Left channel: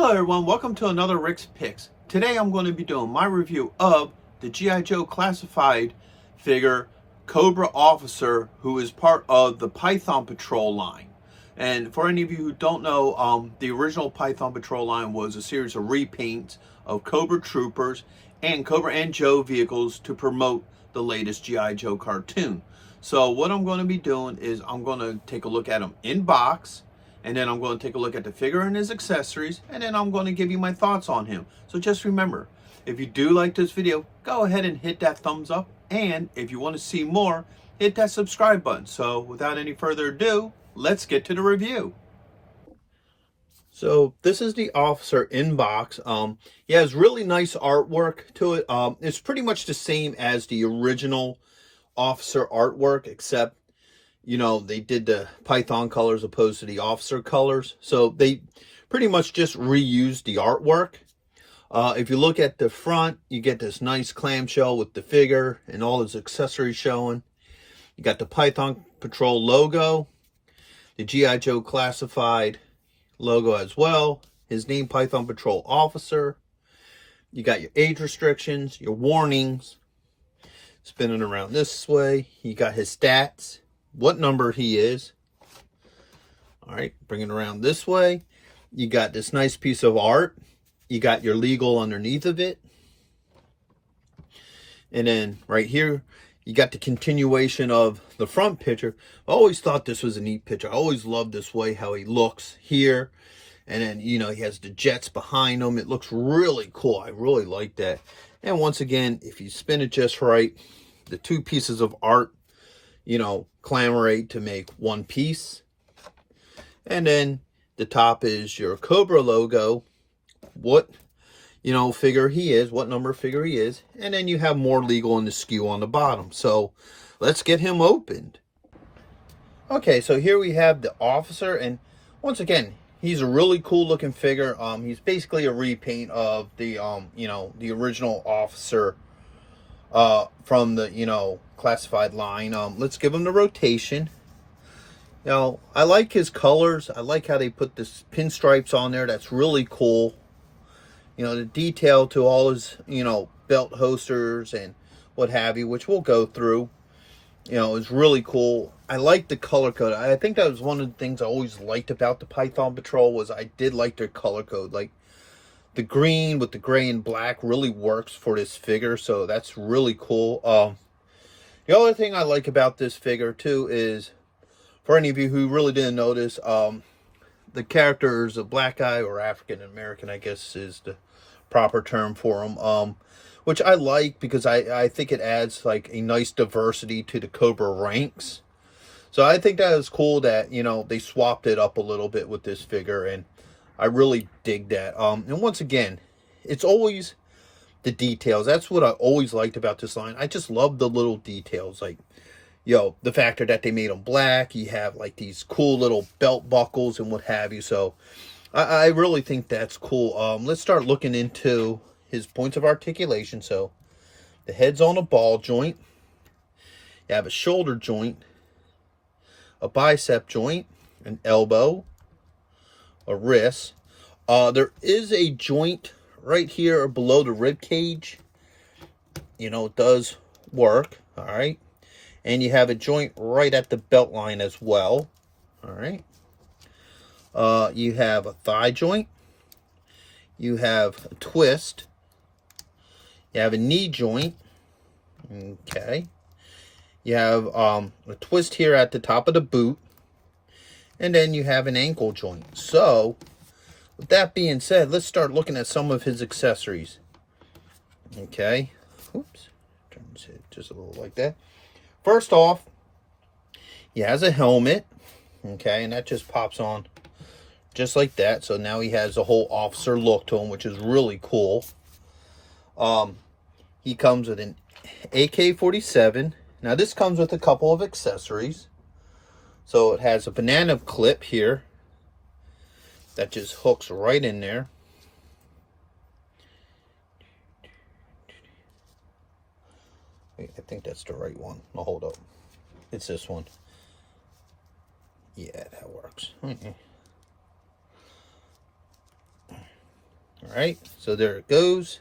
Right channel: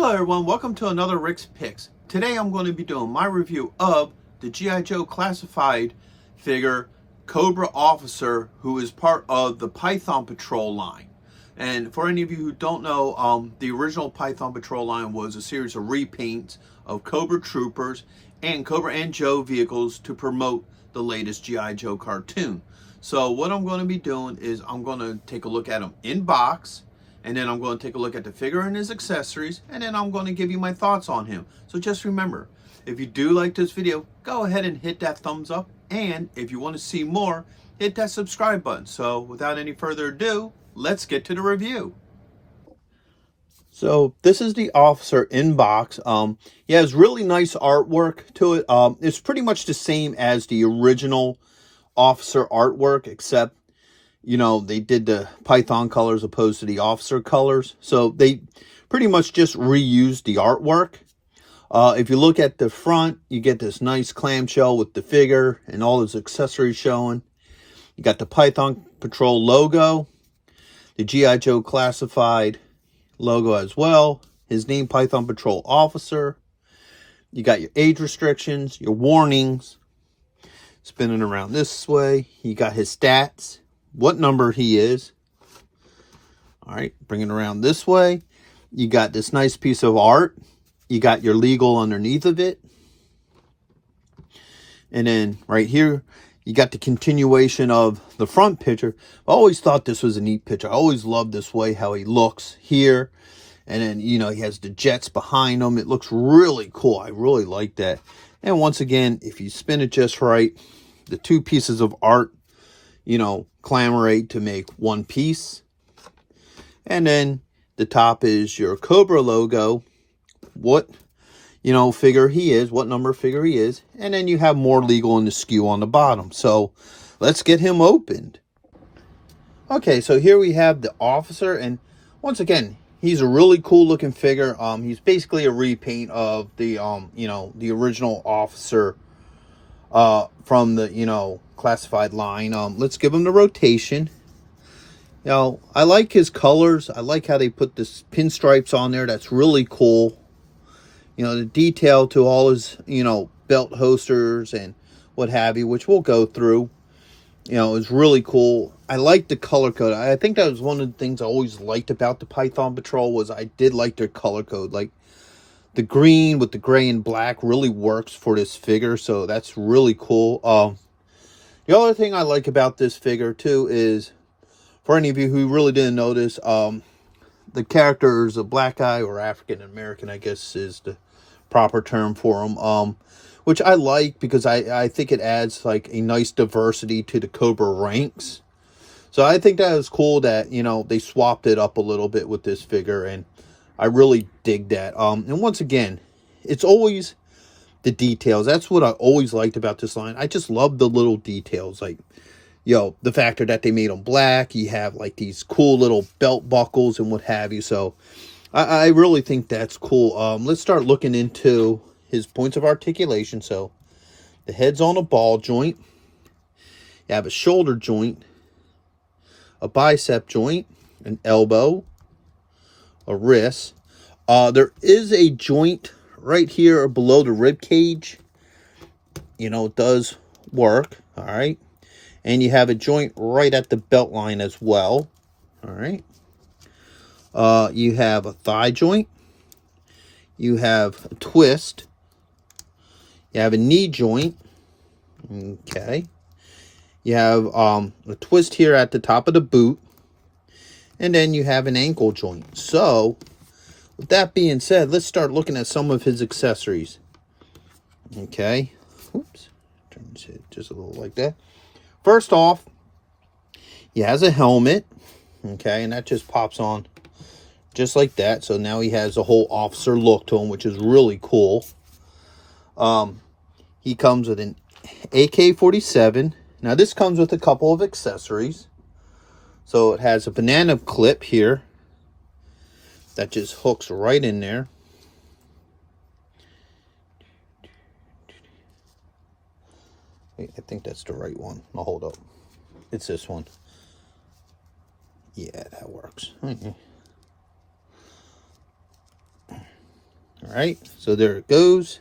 Hello everyone, welcome to another Rick's Picks. Today I'm going to be doing my review of the G.I. Joe classified figure Cobra Officer, who is part of the Python Patrol line. And for any of you who don't know, the original Python Patrol line was a series of repaints of Cobra troopers and Cobra and Joe vehicles to promote the latest G.I. Joe cartoon. So what I'm going to be doing is I'm going to take a look at them in box, and then I'm going to take a look at the figure and his accessories, and then I'm going to give you my thoughts on him. So just remember, if you do like this video, go ahead and hit that thumbs up, and if you want to see more, hit that subscribe button. So without any further ado, let's get to the review. So this is the Officer in box. He has really nice artwork to it. It's pretty much the same as the original Officer artwork, except they did the Python colors opposed to the Officer colors. So they pretty much just reused the artwork. If you look at the front, you get this nice clamshell with the figure and all his accessories showing. You got the Python Patrol logo, the G.I. Joe classified logo as well. His name, Python Patrol Officer. You got your age restrictions, your warnings. Spinning around this way. You got his stats, what number he is. All right, bringing around this way. You got this nice piece of art. You got your legal underneath of it. And then right here, you got the continuation of the front picture. I always thought this was a neat picture. I always loved this way, how he looks here. And then, he has the jets behind him. It looks really cool. I really like that. And once again, if you spin it just right, the two pieces of art, collaborate to make one piece. And then the top is your Cobra logo, what, figure he is, what number figure he is. And then you have more legal in the SKU on the bottom. So let's get him opened. Okay, so here we have the Officer. And once again, he's a really cool looking figure. He's basically a repaint of the, the original Officer from the, classified line. Let's give him the rotation. I like his colors. I like how they put this pinstripes on there. That's really cool. The detail to all his, belt holsters and what have you, which we'll go through, is really cool. I like the color code. I think that was one of the things I always liked about the Python Patrol was I did like their color code. Like the green with the gray and black really works for this figure. So that's really cool. The other thing I like about this figure too is, for any of you who really didn't notice, the character is a black guy, or African American, I guess is the proper term for him, which I like because I think it adds like a nice diversity to the Cobra ranks. So I think that is cool that, they swapped it up a little bit with this figure, and I really dig that. And once again, it's always the details. That's what I always liked about this line. I just love the little details, like, the factor that they made them black. You have like these cool little belt buckles and what have you. So I really think that's cool. Let's start looking into his points of articulation. So the head's on a ball joint. You have a shoulder joint, a bicep joint, an elbow, a wrist. There is a joint right here below the rib cage. It does work. All right. And you have a joint right at the belt line as well. All right. You have a thigh joint. You have a twist. You have a knee joint. Okay. You have a twist here at the top of the boot. And then you have an ankle joint. So, with that being said, let's start looking at some of his accessories. Okay. Oops. Turn this head just a little like that. First off, he has a helmet, okay, and that just pops on just like that. So now he has a whole officer look to him, which is really cool. He comes with an AK-47. Now this comes with a couple of accessories. So it has a banana clip here that just hooks right in there. I think that's the right one. I'll hold up. It's this one. Yeah, that works. All right, so there it goes.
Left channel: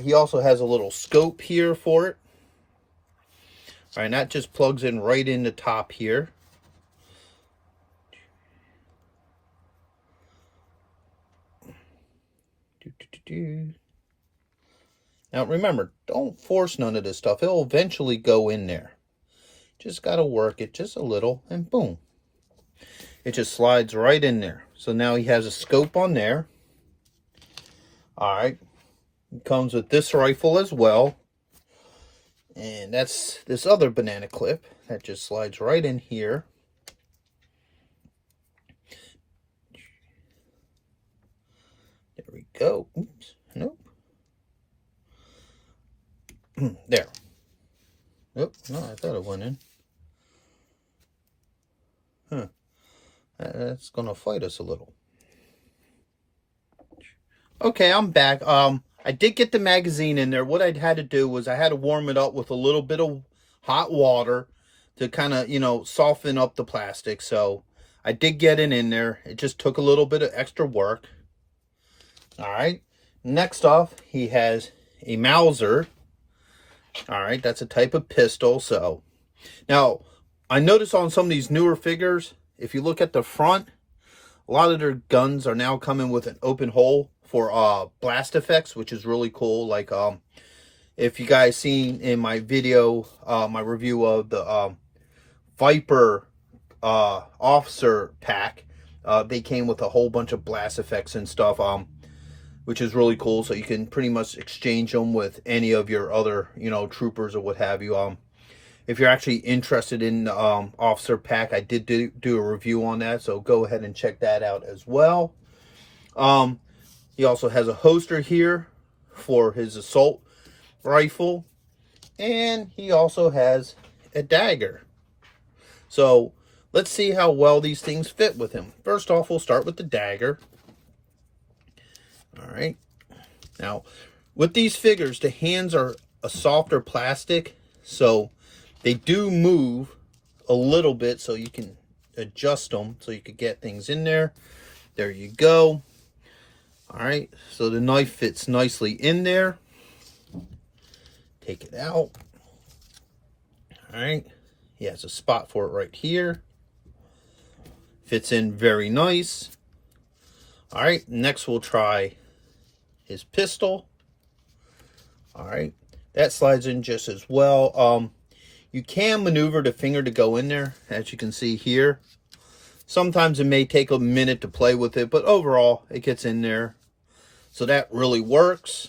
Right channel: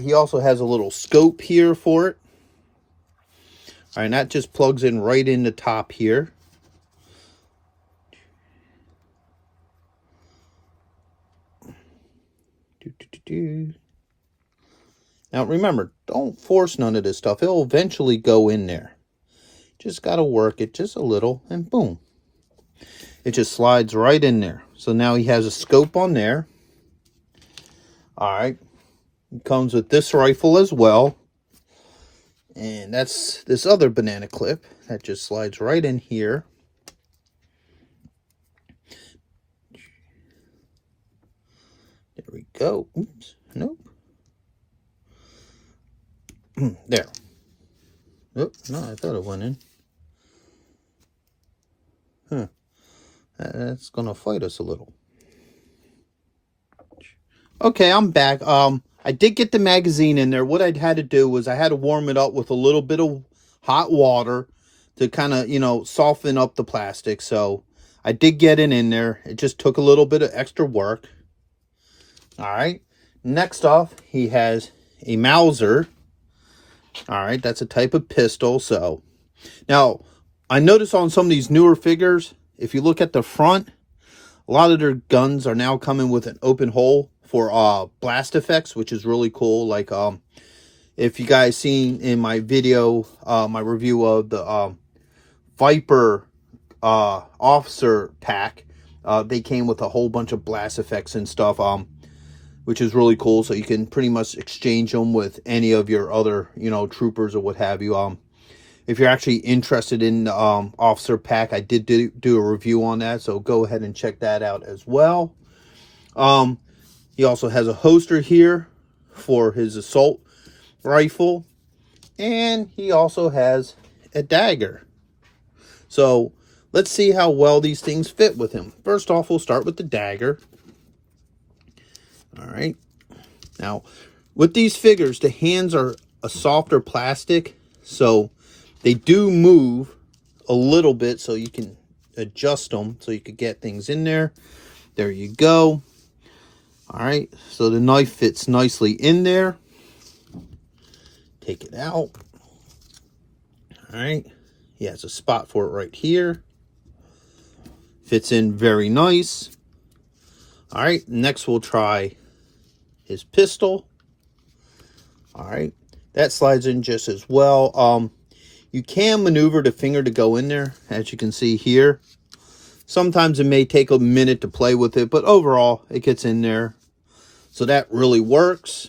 He also has a little scope here for it. All right, and that just plugs in right in the top here. Now remember, don't force none of this stuff. It'll eventually go in there. Just got to work it just a little, and boom. It just slides right in there. So now he has a scope on there. All right. It comes with this rifle as well. And that's this other banana clip that just slides right in here. There we go. Oops. Nope. There. Oh, no, I thought it went in. Huh. That's going to fight us a little. Okay, I'm back. I did get the magazine in there. What I'd had to do was I had to warm it up with a little bit of hot water to kind of, you know, soften up the plastic. So I did get it in there. It just took a little bit of extra work. All right. Next off, he has a Mauser. All right, that's a type of pistol. So now I noticed on some of these newer figures, if you look at the front, a lot of their guns are now coming with an open hole for blast effects, which is really cool. Like if you guys seen in my video, my review of the Viper officer pack, they came with a whole bunch of blast effects and stuff, which is really cool. So you can pretty much exchange them with any of your other, you know, troopers or what have you. If you're actually interested in the officer pack, I did do a review on that, so go ahead and check that out as well. He also has a holster here for his assault rifle, and he also has a dagger. So let's see how well these things fit with him. First off, we'll start with the dagger. All right. Now, with these figures, the hands are a softer plastic, so they do move a little bit, so you can adjust them so you could get things in there. There you go. All right, so the knife fits nicely in there. Take it out. All right, he has a spot for it right here. Fits in very nice. All right, next we'll try his pistol. All right, that slides in just as well. You can maneuver the finger to go in there, as you can see here. Sometimes it may take a minute to play with it, but overall, it gets in there. So that really works.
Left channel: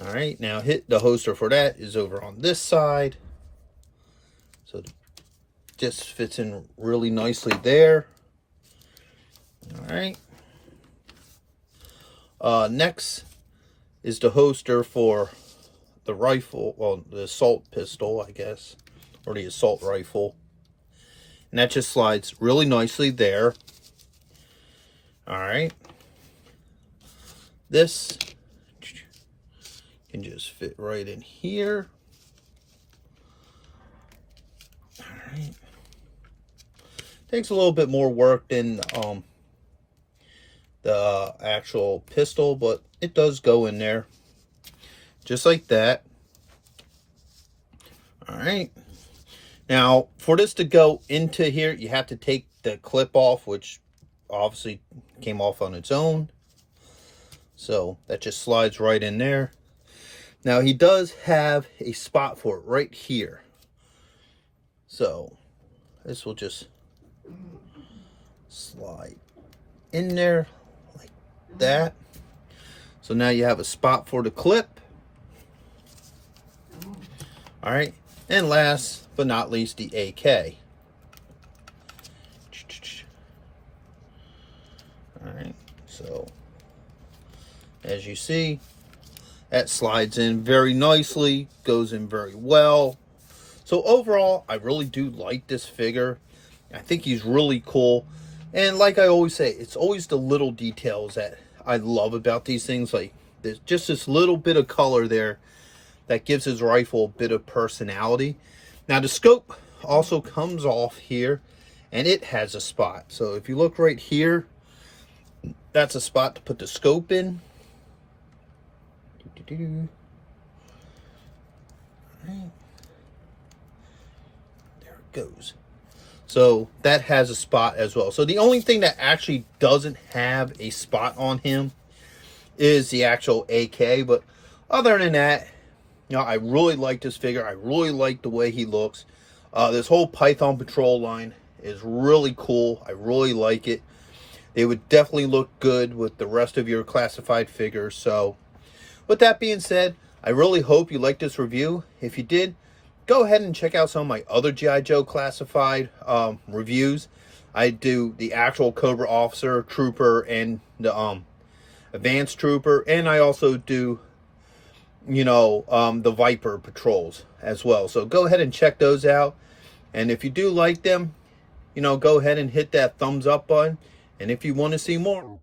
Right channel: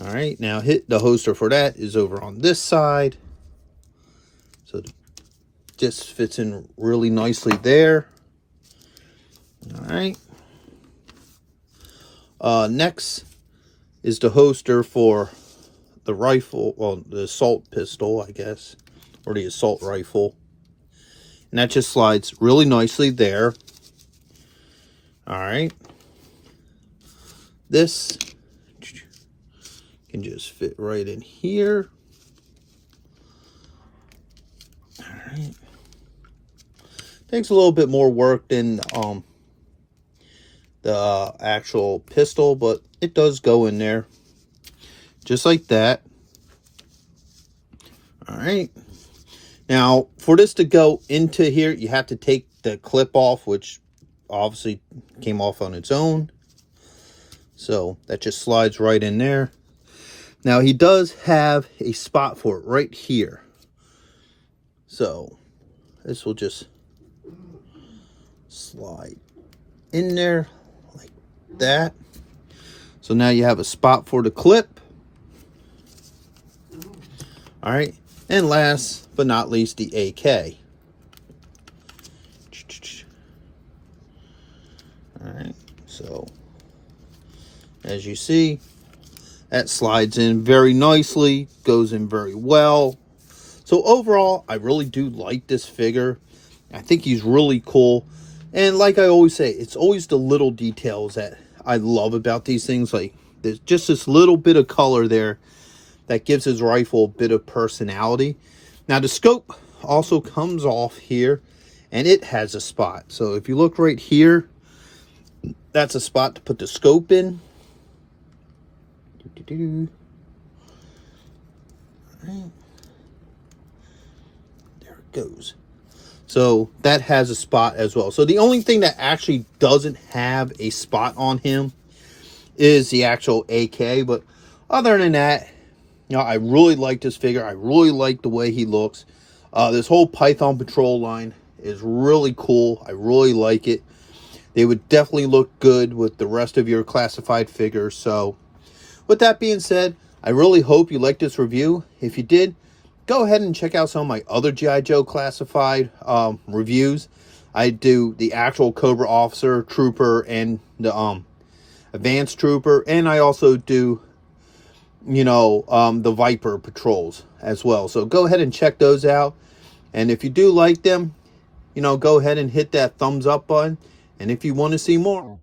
All right, now the holster for that is over on this side. So this fits in really nicely there. All right. Next is the holster for the rifle, well, the assault pistol, I guess, or the assault rifle. And that just slides really nicely there. All right. This can just fit right in here. All right. Takes a little bit more work than the actual pistol, but it does go in there just like that. All right, now for this to go into here, you have to take the clip off, which obviously came off on its own, so that just slides right in there. Now he does have a spot for it right here, so this will just slide in there like that. So now you have a spot for the clip. All right, and last but not least, the AK. All right, so as you see, that slides in very nicely, goes in very well. So overall, I really do like this figure. I think he's really cool. And like I always say, it's always the little details that I love about these things. Like there's just this little bit of color there that gives his rifle a bit of personality. Now the scope also comes off here, and it has a spot. So if you look right here, That's a spot to put the scope in. Right. There it goes. So that has a spot as well. So the only thing that actually doesn't have a spot on him is the actual AK. But other than that, you know, I really like this figure. I really like the way he looks. This whole Python Patrol line is really cool. I really like it. They would definitely look good with the rest of your classified figures. So with that being said, I really hope you liked this review. If you did, go ahead and check out some of my other G.I. Joe classified reviews. I do the actual Cobra officer, trooper, and the advanced trooper. And I also do, you know, the Viper patrols as well. So go ahead and check those out. And if you do like them, you know, go ahead and hit that thumbs up button. And if you want to see more,